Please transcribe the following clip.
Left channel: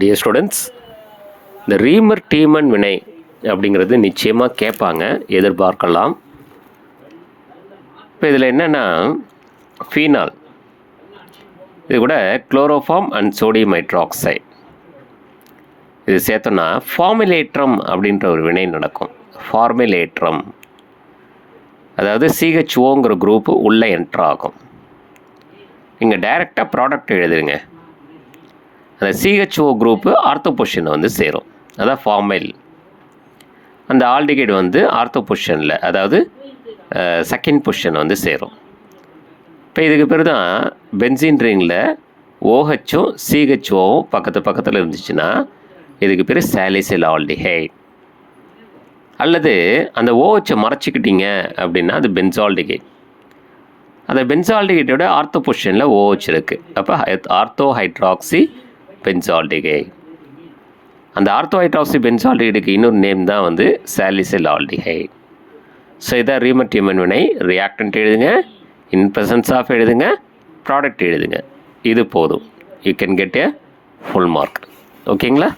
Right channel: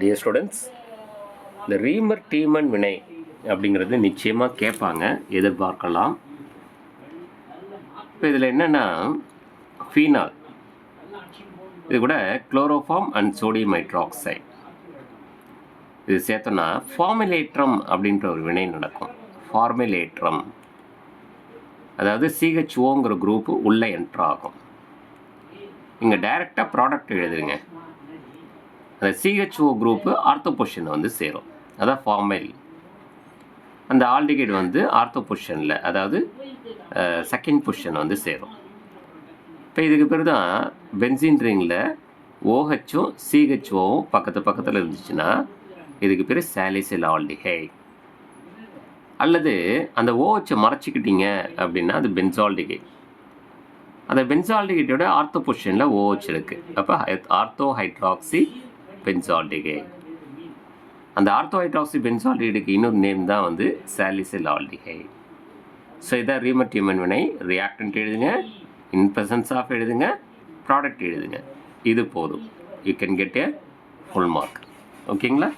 Dear students, இந்த ரீமர் demon வினை அப்படிங்கிறது நிச்சயமாக கேட்பாங்க, எதிர்பார்க்கலாம். இப்போ இதில் என்னென்னா, ஃபீனால் இது கூட குளோரோஃபார்ம் அண்ட் சோடியம் ஹைட்ராக்சைடு இது சேர்த்தோன்னா ஃபார்முலேட்ரம் அப்படின்ற ஒரு வினை நடக்கும். ஃபார்முலேட்ரம் அதாவது சிஹெச்ஓங்கிற குரூப்பு உள்ளே என்ட்ரு ஆகும். இங்கே டைரெக்டாக ப்ராடக்ட் எழுதுங்க. அந்த சிஹெச்ஓ குரூப்பு ஆர்த்தோ பொசிஷனில் வந்து சேரும், அதான் ஃபார்மைல். அந்த ஆல்டிகைடு வந்து ஆர்த்தோ பொசிஷனில், அதாவது செகண்ட் பொசிஷன் வந்து சேரும். இப்போ இதுக்கு பேர் தான் பென்சீன் ரிங்கில் ஓஹெச்சும் சிஹெச்ஓவும் பக்கத்தில் இருந்துச்சுன்னா இதுக்கு பேர் சாலிசில் ஆல்டிஹைட். அல்லது அந்த ஓஹெச்சை மறைச்சிக்கிட்டீங்க அப்படின்னா அது பென்சால்டிகைட். அந்த பென்சால்டிகைட்டோட ஆர்த்தோ பொசிஷனில் ஓஹெச் இருக்குது, அப்போ ஆர்த்தோ ஹைட்ராக்சி பென்சால்டிகைட். அந்த ஆர்த்தோ ஹைட்ராக்சி பென்சால்டிகைடுக்கு இன்னொரு நேம் தான் வந்து சாலிசில் ஆல்டிஹைட். ஸோ இதான் ரீமர் டீமன் வினை. ரியாக்டன்ட் எழுதுங்க, இன் ப்ரெசன்ஸ் ஆஃப் எழுதுங்க, ப்ராடக்ட் எழுதுங்க. இது போதும், you can get a full mark. ஓகேங்களா?